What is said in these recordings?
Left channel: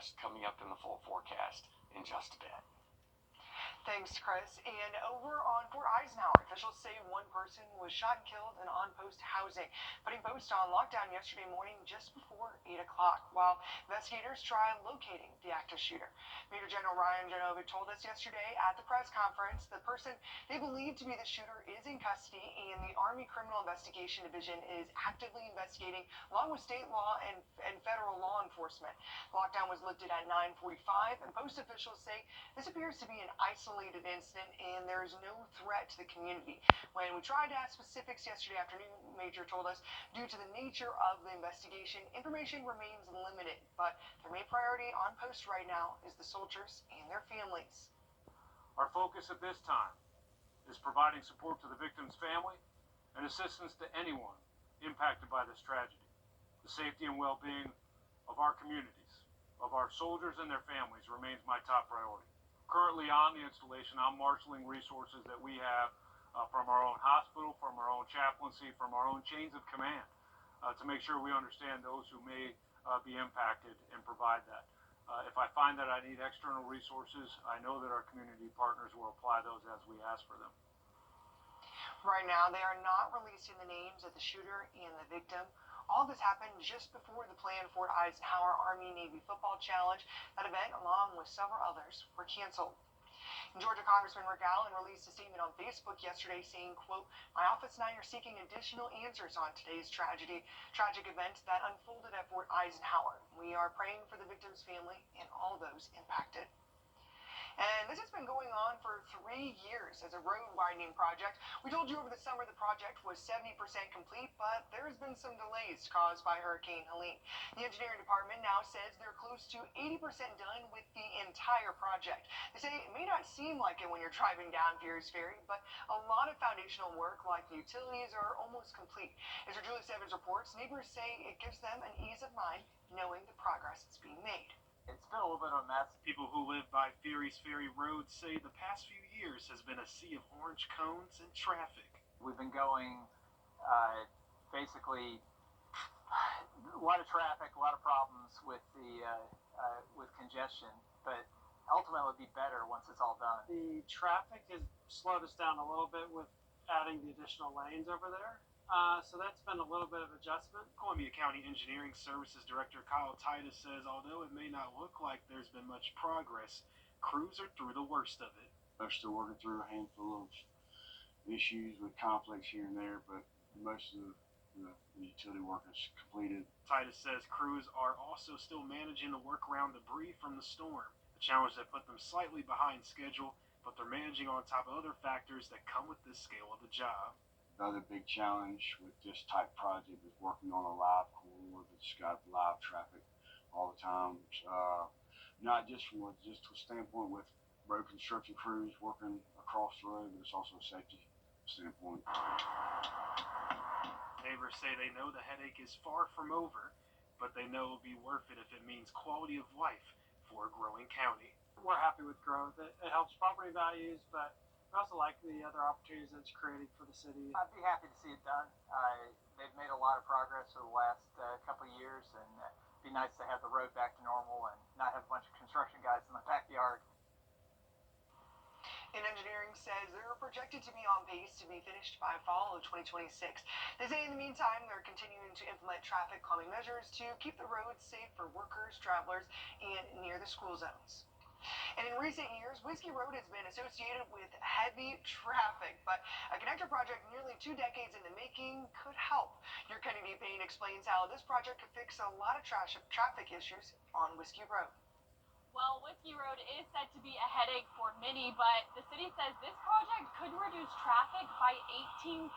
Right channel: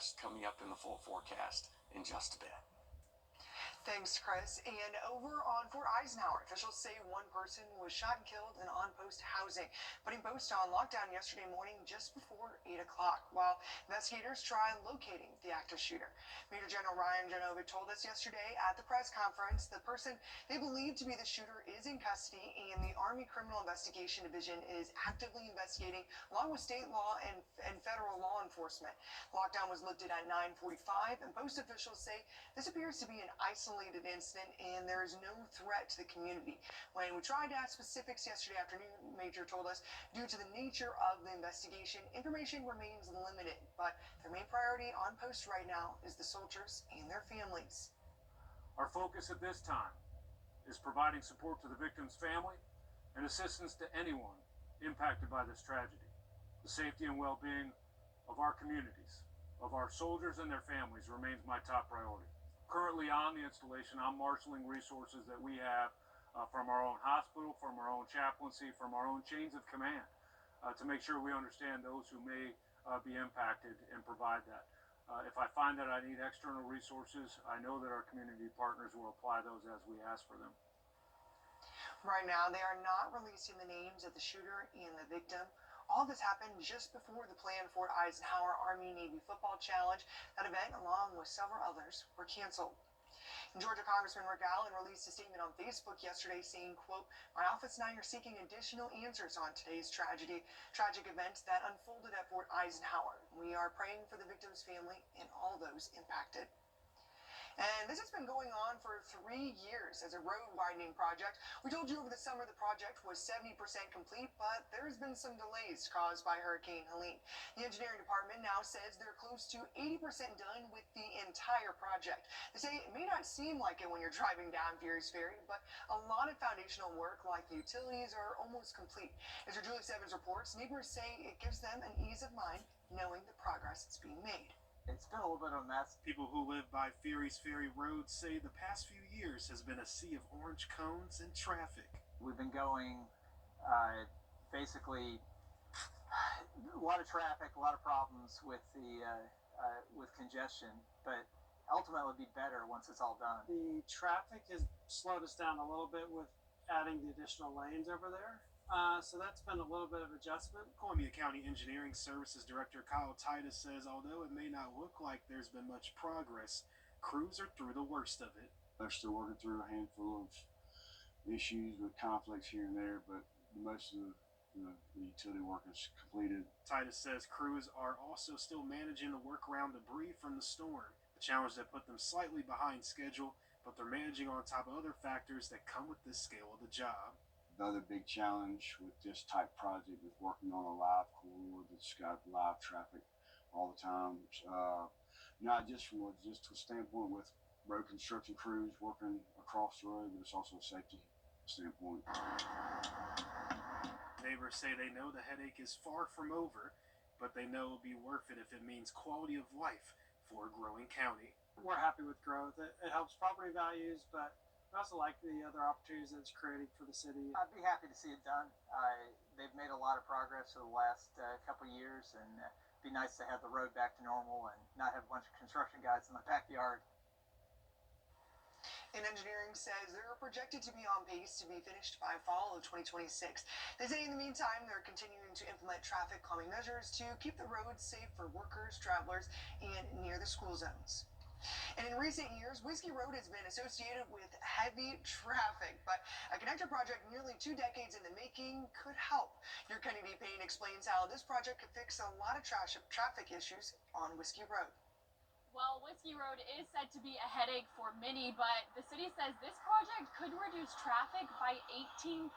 rest coming up in the full forecast in just a bit. Thanks, Chris. And over on Fort Eisenhower, officials say one person was shot and killed in on-post housing, putting post on lockdown yesterday morning just before 8 o'clock, while investigators try locating the active shooter. Major General Ryan Janovic told us yesterday at the press conference the person they believe to be the shooter is in custody, and the Army Criminal Investigation Division is actively investigating, along with state law and federal law enforcement. Lockdown was lifted at 9:45, and post officials say this appears to be an isolated incident and there is no threat to the community. When we tried to ask specifics yesterday afternoon, Major told us due to the nature of the investigation, information remains limited, but their main priority on post right now is the soldiers and their families. Our focus at this time is providing support to the victim's family and assistance to anyone impacted by this tragedy. The safety and well-being of our communities, of our soldiers and their families remains my top priority. Currently on the installation, I'm marshaling resources that we have from our own hospital, from our own chaplaincy, from our own chains of command to make sure we understand those who may be impacted and provide that. If I find that I need external resources, I know that our community partners will apply those as we ask for them. Right now, they are not releasing the names of the shooter and the victim. All this happened just before the planned Fort Eisenhower Army-Navy football challenge. That event, along with several others, were canceled. Georgia Congressman Rick Allen released a statement on Facebook yesterday saying, quote, "My office and I are seeking additional answers on today's tragic event that unfolded at Fort Eisenhower. We are praying for the victim's family and all those impacted." And this has been going on for 3 years as a road widening project. We told you over the summer the project was 70% complete, but there's been some delays caused by Hurricane Helene. The engineering department now says they're close to 80% done with the entire project. They say it may not seem like it when you're driving down Fierce Ferry, but a lot of foundational work like the utilities are almost complete. As Julie Evans reports, neighbors say it gives them an ease of mind knowing the progress is being made. It's been a little bit of a mess. People who live by Fierce Ferry Road say the past few years has been a sea of orange cones and traffic. We've been going basically a lot of traffic, a lot of problems with the with congestion, but ultimately it'll be better once it's all done. The traffic has slowed us down a little bit with adding the additional lanes over there. So that's been a little bit of adjustment. Columbia County Engineering Services Director Kyle Titus says although it may not look like there's been much progress, crews are through the worst of it. They're still working through a handful of issues with conflicts here and there, but most of the utility work is completed. Titus says crews are also still managing to work around debris from the storm, a challenge that put them slightly behind schedule, but they're managing on top of other factors that come with this scale of the job. The other big challenge with this type project is working on a live corridor that's got live traffic all the time. Not just from a logistical standpoint with road construction crews working across the road, but it's also a safety standpoint. Neighbors say they know the headache is far from over, but they know it'll be worth it if it means quality of life for a growing county. We're happy with growth. It helps property values, but I also like the other opportunities that it's created for the city. I'd be happy to see it done. They've made a lot of progress over the last couple of years, and it'd be nice to have the road back to normal and not have a bunch of construction guys in my backyard. And engineering says they're projected to be on pace to be finished by fall of 2026. They say in the meantime, they're continuing to implement traffic calming measures to keep the roads safe for workers, travelers, and near the school zones. And in recent years, Whiskey Road has been associated with heavy traffic, but a connector project nearly 2 decades in the making could help. Your Kennedy Payne explains how this project could fix a lot of traffic issues on Whiskey Road. Well, Whiskey Road is said to be a headache for many, but the city says this project could reduce traffic by 18%.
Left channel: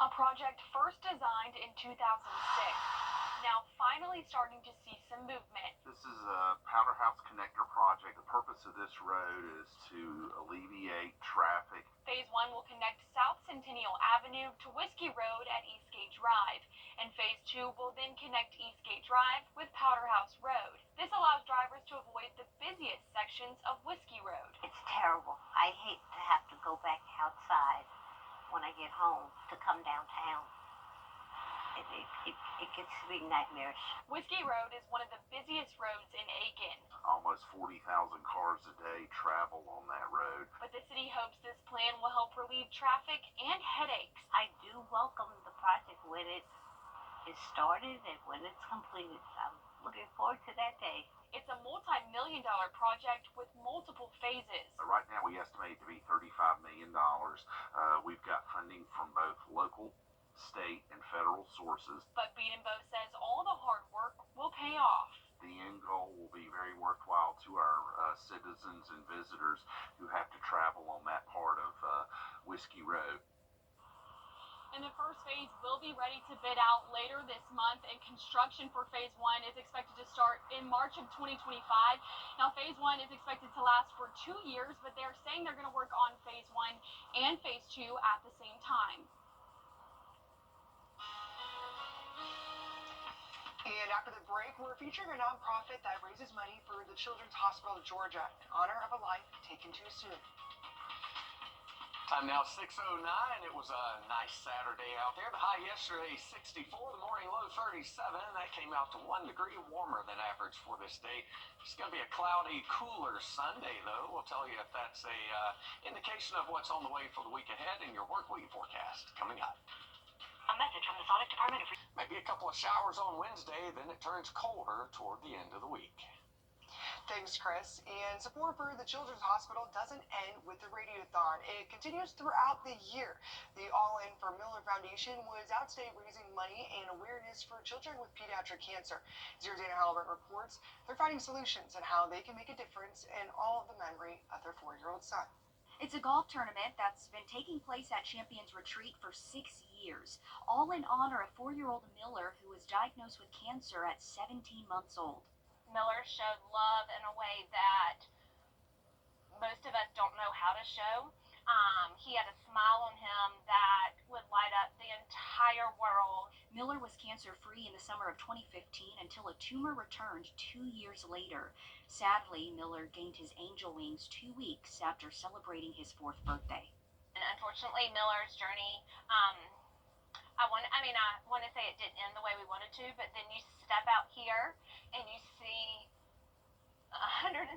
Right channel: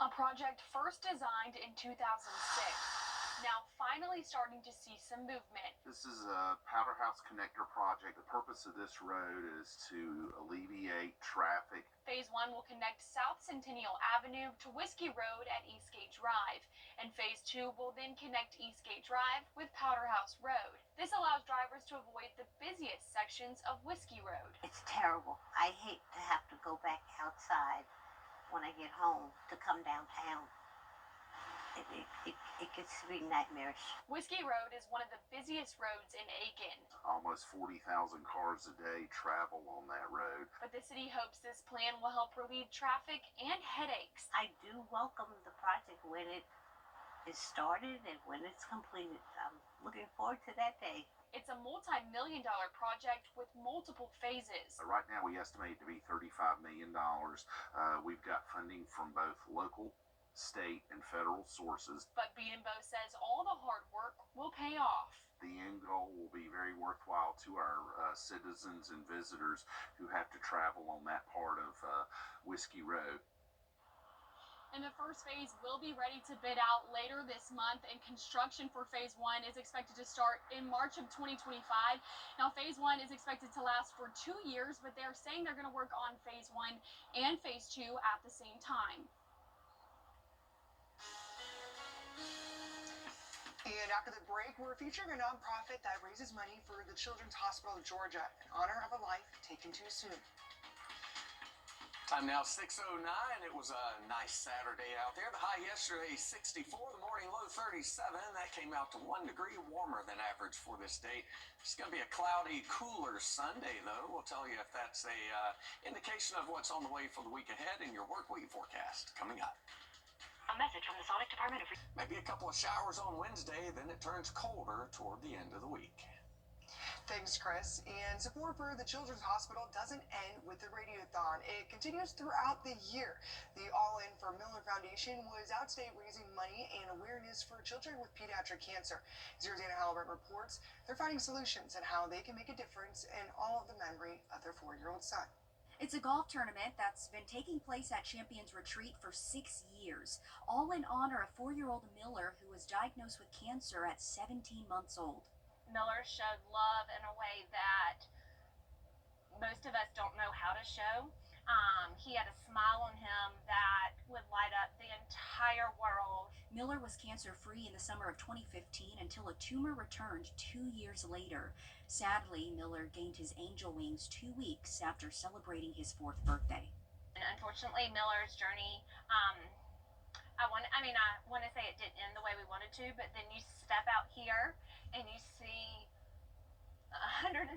A project first designed in 2006. Now finally starting to see some movement. This is a Powderhouse Connector project. The purpose of this road is to alleviate traffic. Phase 1 will connect South Centennial Avenue to Whiskey Road at Eastgate Drive, and Phase 2 will then connect Eastgate Drive with Powderhouse Road. This allows drivers to avoid the busiest sections of Whiskey Road. It's terrible. I hate to have to go back outside when I get home to come downtown. It it gets to be nightmarish. Whiskey Road is one of the busiest roads in Aiken, Almost 40,000 cars a day travel on that road. but the city hopes this plan will help relieve traffic and headaches. I do welcome the project when it is started and when it's completed. I'm looking forward to that day. It's a multi-million-dollar project with multiple phases. Right now, we estimate it to be $35 million. We've got funding from both local, state, and federal sources. But Beedenbow says all the hard work will pay off. The end goal will be very worthwhile to our citizens and visitors who have to travel on that part of Whiskey Road. And the first phase will be ready to bid out later this month, and construction for phase 1 is expected to start in March of 2025. Now, phase 1 is expected to last for 2 years, but they're saying they're going to work on phase 1 and phase 2 at the same time. And after the break, we're featuring a nonprofit that raises money for the Children's Hospital of Georgia in honor of a life taken too soon. Time now 6:09. It was a nice Saturday out there. The high yesterday 64, the morning low 37. That came out to 1 degree warmer than average for this day. It's going to be a cloudy, cooler Sunday, though. We'll tell you if that's a indication of what's on the way for the week ahead in your work week forecast coming up. A message from the Sonic Department of... Maybe a couple of showers on Wednesday, then it turns colder toward the end of the week. Thanks, Chris. And support for the Children's Hospital doesn't end with the Radiothon. It continues throughout the year. The All In for Miller Foundation was out today raising money and awareness for children with pediatric cancer. As Dana Halbert reports, they're finding solutions and how they can make a difference in all of the memory of their 4-year-old son. It's a golf tournament that's been taking place at Champions Retreat for 6 years, all in honor of 4-year-old Miller, who was diagnosed with cancer at 17 months old. Miller showed love in a way that most of us don't know how to show. He had a smile on him that would light up the entire world. Miller was cancer-free in the summer of 2015 until a tumor returned 2 years later. Sadly, Miller gained his angel wings 2 weeks after celebrating his 4th birthday. And unfortunately, Miller's journey, I want to say it didn't end the way we wanted to, but then you step out here and you see 160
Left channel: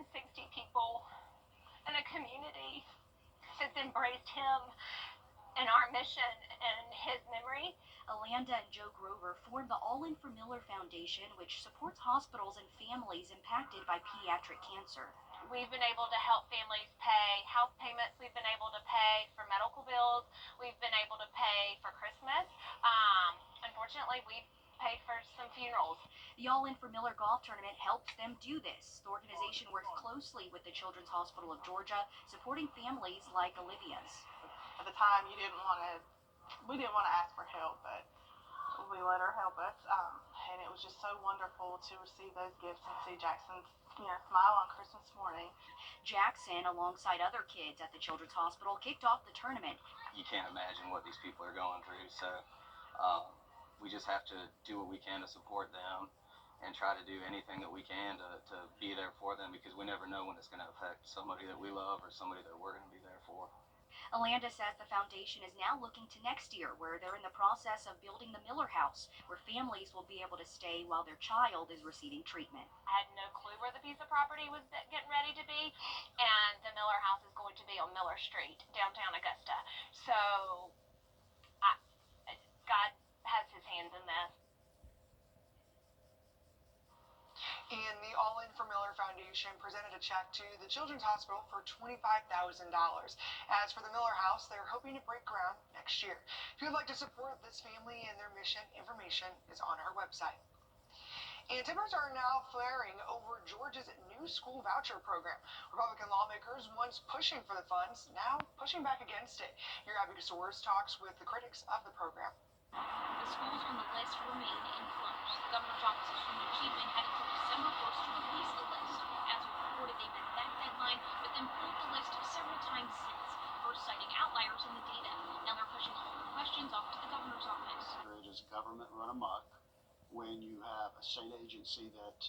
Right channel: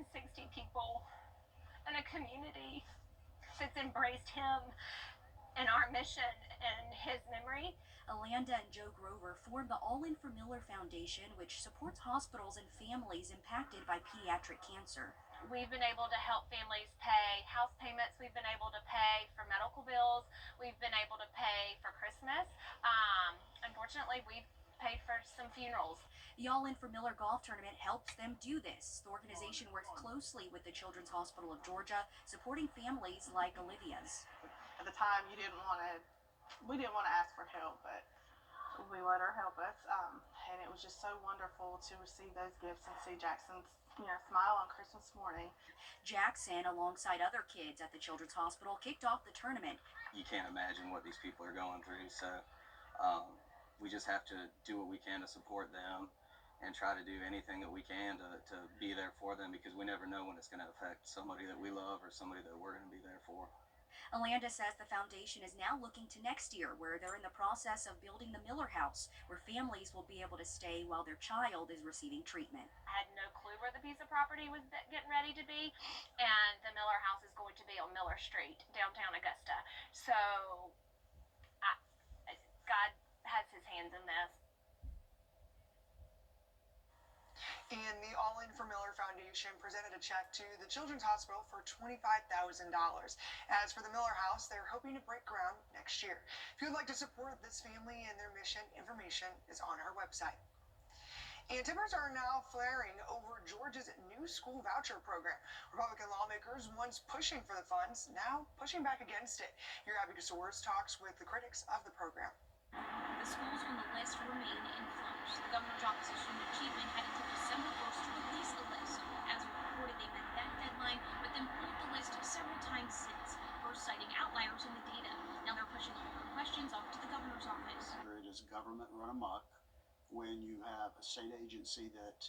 people in a community that's embraced him and our mission and his memory. Alanda and Joe Grover formed the All In for Miller Foundation, which supports hospitals and families impacted by pediatric cancer. We've been able to help families pay house payments. We've been able to pay for medical bills. We've been able to pay for Christmas. Unfortunately, we've paid for some funerals. The All In for Miller golf tournament helps them do this. The organization works closely with the Children's Hospital of Georgia, supporting families like Olivia's. At the time, we didn't want to ask for help, but we let her help us. And it was just so wonderful to receive those gifts and see Jackson's smile on Christmas morning. Jackson, alongside other kids at the Children's Hospital, kicked off the tournament. You can't imagine what these people are going through, so we just have to do what we can to support them and try to do anything that we can to be there for them, because we never know when it's going to affect somebody that we love or somebody that we're going to be there for. Alanda says the foundation is now looking to next year, where they're in the process of building the Miller House, where families will be able to stay while their child is receiving treatment. I had no clue where the piece of property was getting ready to be, and the Miller House is going to be on Miller Street, downtown Augusta. So, God has his hands in this. And the All In for Miller Foundation presented a check to the Children's Hospital for $25,000. As for the Miller House, they're hoping to break ground next year. If you'd like to support this family and their mission, information is on our website. And tempers are now flaring over Georgia's new school voucher program. Republican lawmakers, once pushing for the funds, now pushing back against it. Your Abby Soares talks with the critics of the program. The schools on the list remain in flux. The governor's office of student achievement had until December 1st to release the list. As we reported, they met that deadline, but then pulled the list several times since, first citing outliers in the data. Now they're pushing all their questions off to the governor's office. It is government run amok when you have a state agency that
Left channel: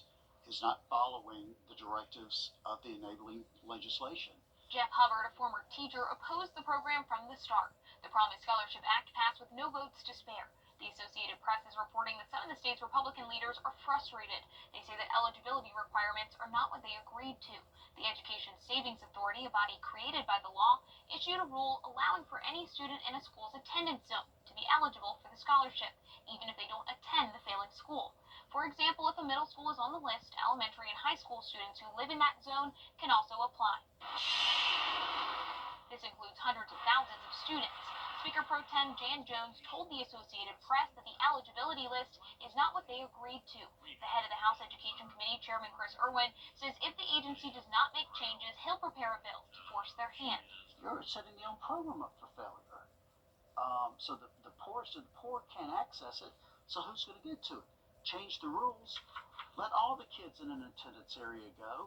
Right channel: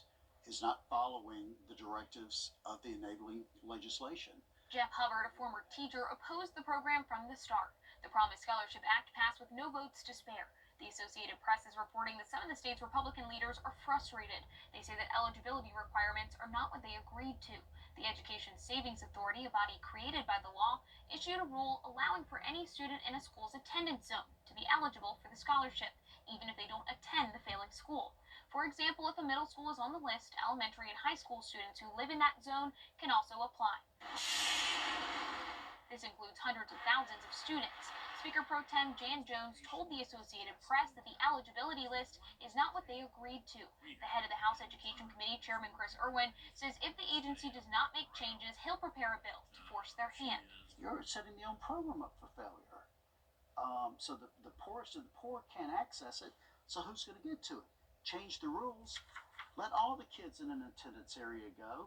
is not following the directives of the enabling legislation. Jeff Hubbard, a former teacher, opposed the program from the start. The Promise Scholarship Act passed with no votes to spare. The Associated Press is reporting that some of the state's Republican leaders are frustrated. They say that eligibility requirements are not what they agreed to. The Education Savings Authority, a body created by the law, issued a rule allowing for any student in a school's attendance zone to be eligible for the scholarship, even if they don't attend the failing school. For example, if a middle school is on the list, elementary and high school students who live in that zone can also apply. This includes hundreds of thousands of students. Speaker Pro Tem Jan Jones told the Associated Press that the eligibility list is not what they agreed to. The head of the House Education Committee, Chairman Chris Irwin, says if the agency does not make changes, he'll prepare a bill to force their hand. You're setting the own program up for failure. So the poorest of the poor can't access it, so who's going to get to it? Change the rules. Let all the kids in an attendance area go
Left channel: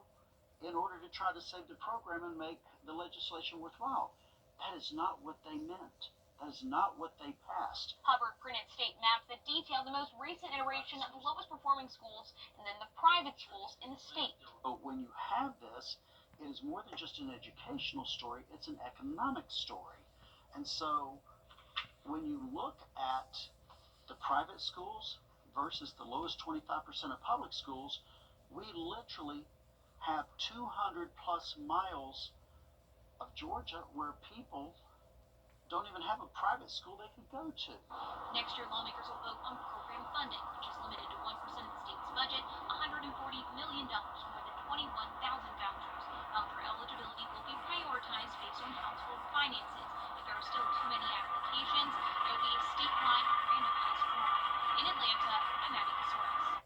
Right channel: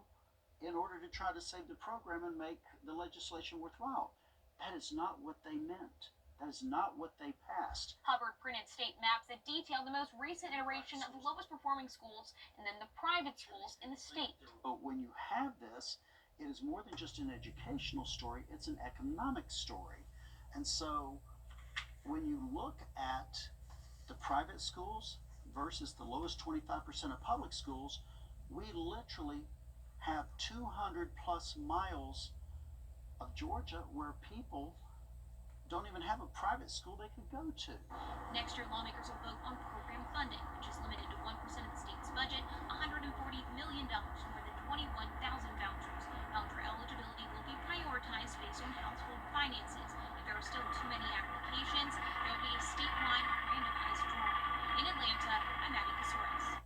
in order to try to save the program and make the legislation worthwhile. That is not what they meant. That is not what they passed. Hubbard printed state maps that detail the most recent iteration of the lowest performing schools and then the private schools in the state. But when you have this, it is more than just an educational story, it's an economic story. And so when you look at the private schools versus the lowest 25% of public schools, we literally have 200 plus miles of Georgia where people don't even have a private school they can go to. Next year, lawmakers will vote on program funding, which is limited to 1% of the state's budget, $140 million, more than 21,000 vouchers. Voucher eligibility will be prioritized based on household finances. If there are still too many applications, there will be a statewide randomized drawing. In Atlanta, I'm Abby Casores.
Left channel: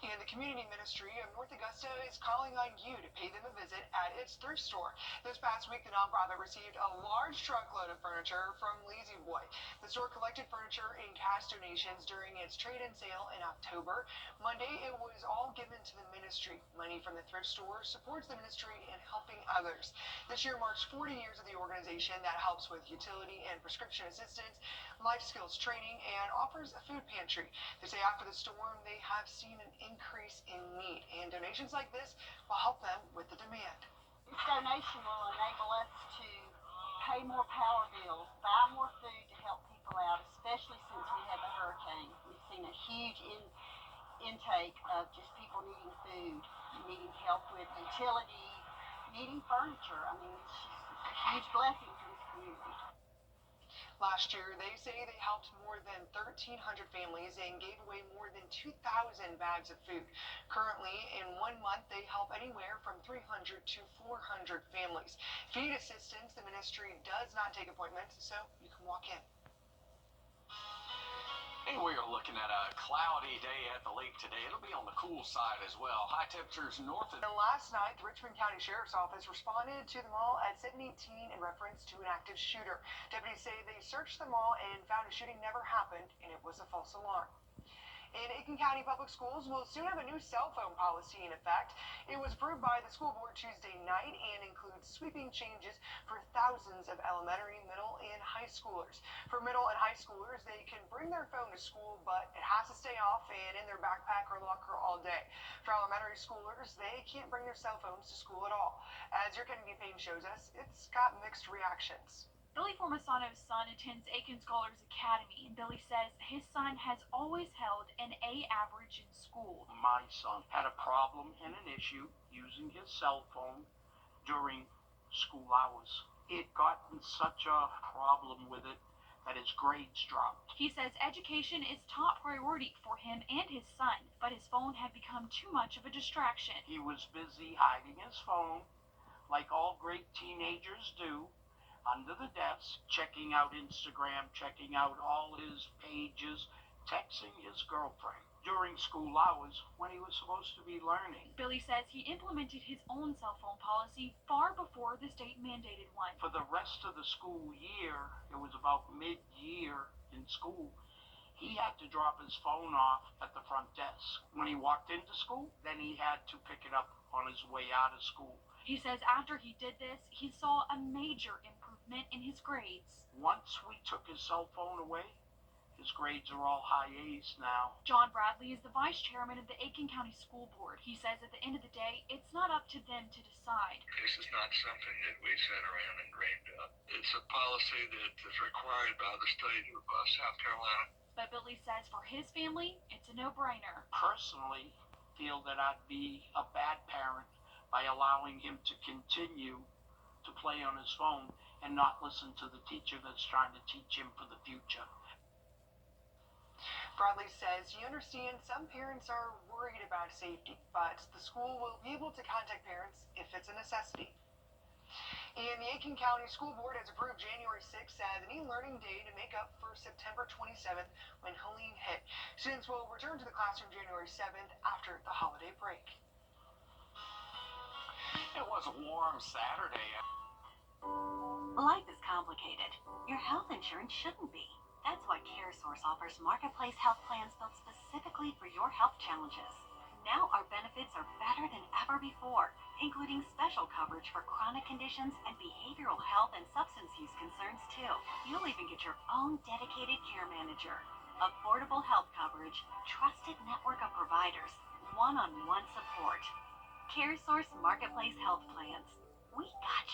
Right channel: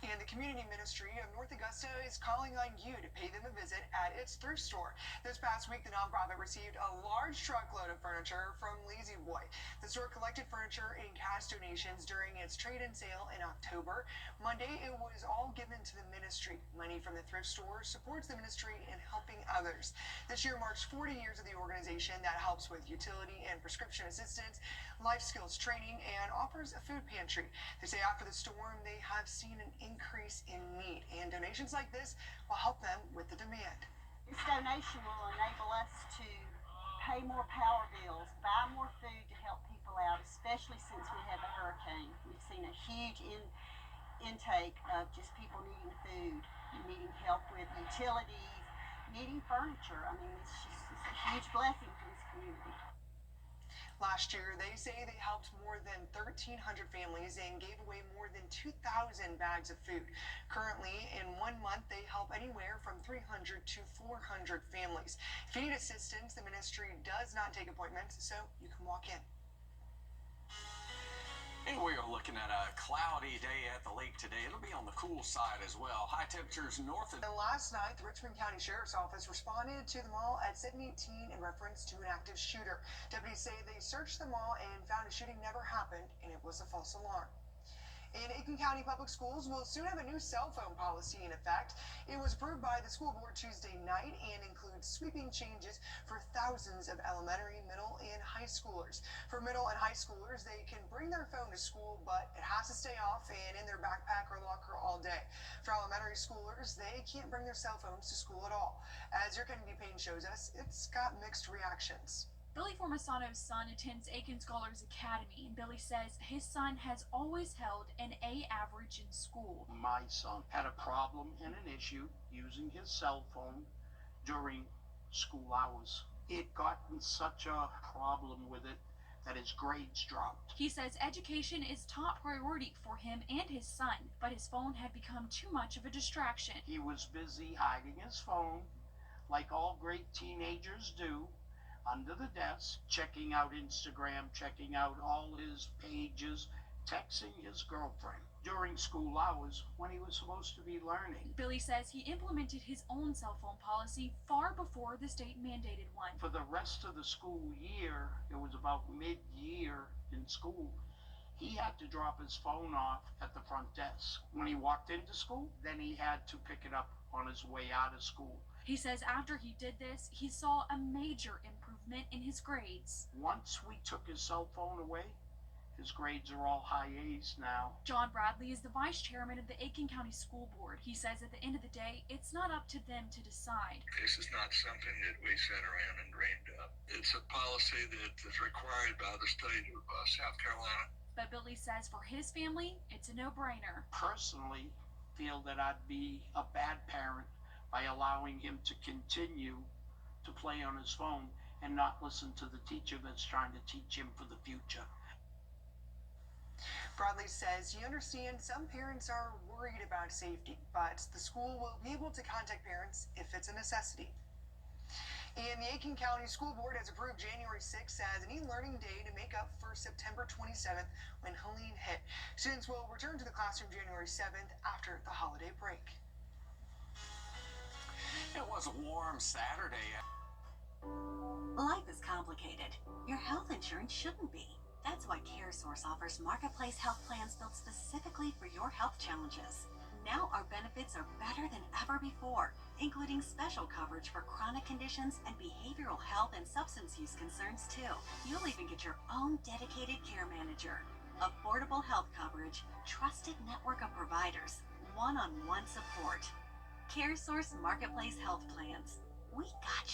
And the Community Ministry of North Augusta is calling on you to pay them a visit at its thrift store. This past week, the nonprofit received a large truckload of furniture from Lazy Boy. The store collected furniture and cash donations during its trade-in sale in October. Monday, it was all given to the ministry. Money from the thrift store supports the ministry in helping others. This year marks 40 years of the organization that helps with utility and prescription assistance, life skills training, and offers a food pantry. They say after the storm, they have seen an increase in need, and donations like this will help them with the demand. This donation will enable us to pay more power bills, buy more food to help people out, especially since we have a hurricane. We've seen a huge intake of just people needing food, needing help with utilities, needing furniture. I mean, it's a huge blessing for this community. Last year, they say they helped more than 1,300 families and gave away more than 2,000 bags of food. Currently, in 1 month, they help anywhere from 300 to 400 families. If you need assistance, the ministry does not take appointments, so you can walk in. And we are looking at a cloudy day at the lake today. It'll be on the cool side as well. High temperatures north of... And last night, the Richmond County Sheriff's Office responded to the mall at 718 in reference to an active shooter. Deputies say they searched the mall and found a shooting never happened, and it was a false alarm. And Aiken County Public Schools will soon have a new cell phone policy in effect. It was approved by the school board Tuesday night and includes sweeping changes for thousands of elementary, middle, and high schoolers. For middle and high schoolers, they can bring their phone to school, but it has to stay off and in their backpack or locker all day. For elementary schoolers, they can't bring their cell phones to school at all. As your Kennedy Payne shows us, it's got mixed reactions. Billy Formasano's son attends Aiken Scholars Academy, and Billy says his son has always held an A average in school. My son had a problem and an issue using his cell phone during school hours. It got in such a problem with it that his grades dropped. He says education is top priority for him and his son, but his phone had become too much of a distraction. He was busy hiding his phone, like all great teenagers do, under the desk, checking out Instagram, checking out all his pages, texting his girlfriend during school hours when he was supposed to be learning. Billy says he implemented his own cell phone policy far before the state mandated one. For the rest of the school year, it was about mid-year in school, he had to drop his phone off at the front desk. When he walked into school, then he had to pick it up on his way out of school. He says after he did this, he saw a major improvement in his grades. Once we took his cell phone away, His grades are all high A's now. John Bradley is the vice chairman of the Aiken County School Board. He says at the end of the day, it's not up to them to decide. This is not something that we sat around and dreamed up. It's a policy that is required by the state of South Carolina. But Billy says for his family, it's a no-brainer. Personally, feel that I'd be a bad parent by allowing him to continue to play on his phone and not listen to the teacher that's trying to teach him for the future. Bradley says he understands some parents are worried about safety, but the school will be able to contact parents if it's a necessity. And the Aiken County School Board has approved January 6th as an e-learning day to make up for September 27th when Helene hit. Students will return to the classroom January 7th after the holiday break. It was a warm Saturday. Life is complicated. Your health insurance shouldn't be. That's why CareSource offers marketplace health plans built specifically for your health challenges. Now our benefits are better than ever before, including special coverage for chronic conditions and behavioral health and substance use concerns too. You'll even get your own dedicated care manager. Affordable health coverage, trusted network of providers, one-on-one support. CareSource Marketplace Health Plans. We got